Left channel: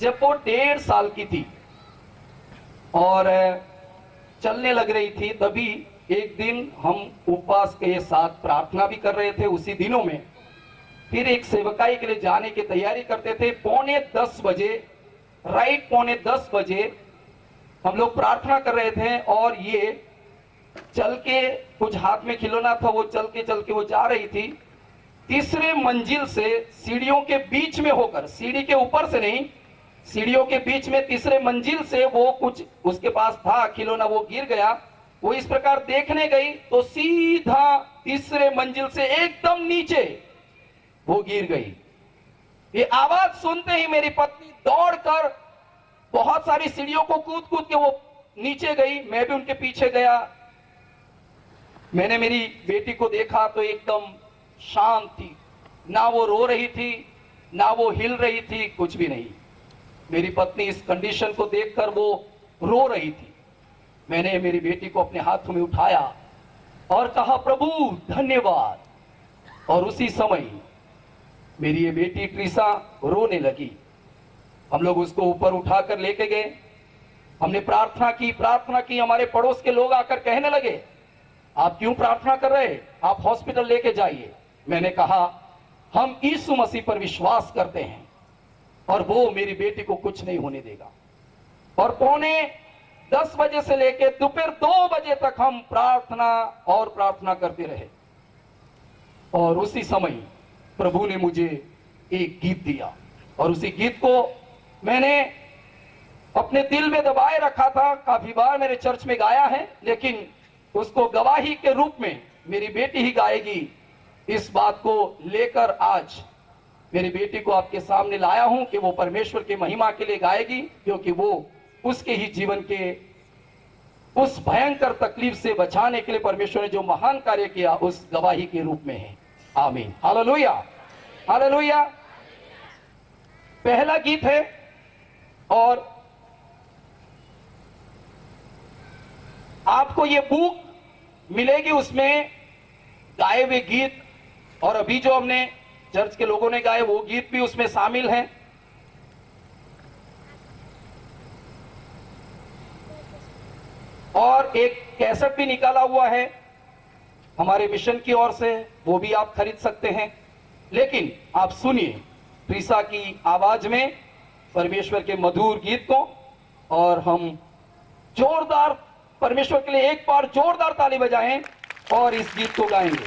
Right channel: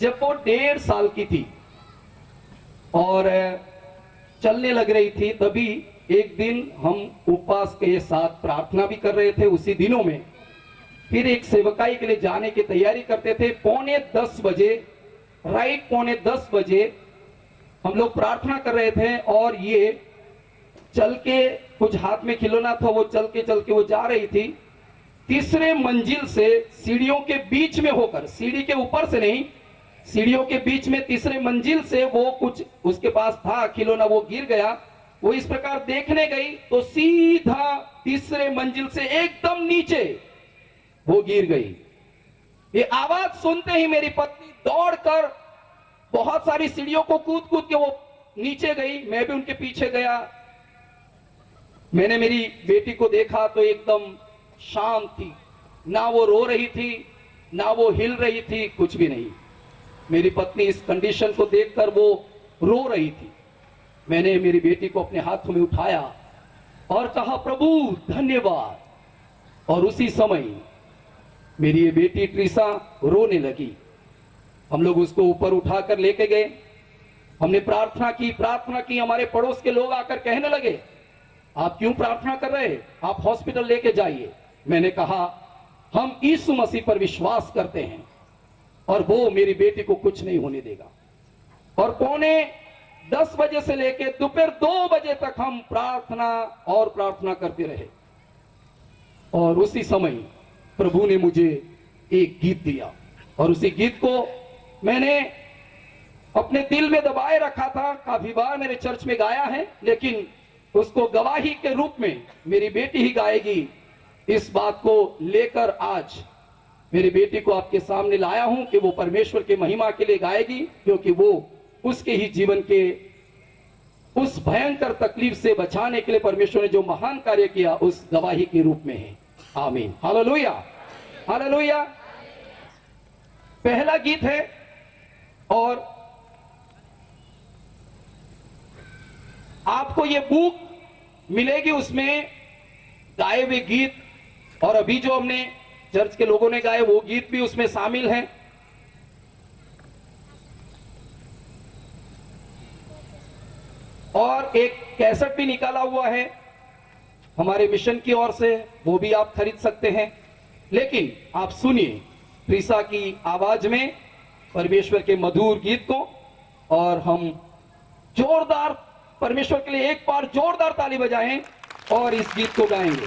जब वो 1.5 साल की थी और चलने लग रही थी, तभी एक दिन हम उपवास के साथ प्रार्थना भी कर रहे थे उसी दिनों में। फिर एक सेवकाई के लिए जाने की तैयारी करते थे। 9:45 बजे, राइट 9:45 हम लोग प्रार्थना कर रहे थे और ये चल के, कुछ हाथ में खिलौना था, वो चल के वो जा रही थी। तीसरे मंजिल से सीढ़ियों के बीच में होकर, सीढ़ी के ऊपर से नहीं, सीढ़ियों के बीच में तीसरे मंजिल से वो कुछ उसके पास था खिलौना, वो गिर गया। वो इस प्रकार देखने गई तो सीधा तीसरे मंजिल से एकदम नीचे वो गिर गई। ये आवाज सुनते ही मेरी पत्नी दौड़कर बहुत सारी सीढ़ियों को कूद के वो नीचे गई। मैं भी उनके पीछे गया। मैंने मेरी बेटी को देखा तो एकदम शांत थी, ना वो रो रही थी, ना वो हिल रही थी, कुछ भी नहीं। मेरी पत्नी इस कंडीशन को देखकर वो रो रही थी। मैंने मेरी बेटी को अपने हाथों में उठाया और कहा, प्रभु धन्यवाद। और उसी समय मेरी ये बेटी ट्रीसा रोने लगी। हम लोग उसको ऊपर उठाकर लेके गए। हमने प्रार्थना की। हमारे पड़ोस के लोग आकर कहने लगे, आप क्यों प्रार्थना कर रहे, आप हॉस्पिटल लेके जाइए। मैंने कहा, हम यीशु मसीह पर विश्वास करते हैं और वो मेरी बेटी को कुछ नहीं होने देगा। और 9:45 बजे से लेकर दोपहर 2 बजे तक हम प्रार्थना करते रहे। और उसी समय प्रभु ने मुझे एक गीत दिया और उसी गीत को मैंने अपने दिल में दबाए रखा था। काफी बार मेरे चर्च में गाया है, लेकिन उसको गवाही के रूप में मेरी बेटी ही गाएगी। इस बात को लेकर आज मेरी बेटी को आपके सामने लाया हूं कि वो परमेश्वर की महिमा के लिए गाएगी, क्योंकि वो उसके ही जीवन के उस भयंकर तकलीफ से बचाने के लिए परमेश्वर ने जो महान कार्य किया, उस गवाही के रूप में है। आमीन, हालेलुया, हालेलुया। पहला गीत है और आपको ये बुक मिलेगी, उसमें गाए हुए गीत और अभी जो हमने चर्च के लोगों ने गाए वो गीत भी उसमें शामिल हैं। और एक कैसेट भी निकाला हुआ है हमारे मिशन की ओर से, वो भी आप खरीद सकते हैं। लेकिन आप सुनिए ट्रीसा की आवाज में परमेश्वर के मधुर गीत को, और हम जोरदार परमेश्वर के लिए एक बार जोरदार ताली बजाएं और इस गीत को गाएंगे।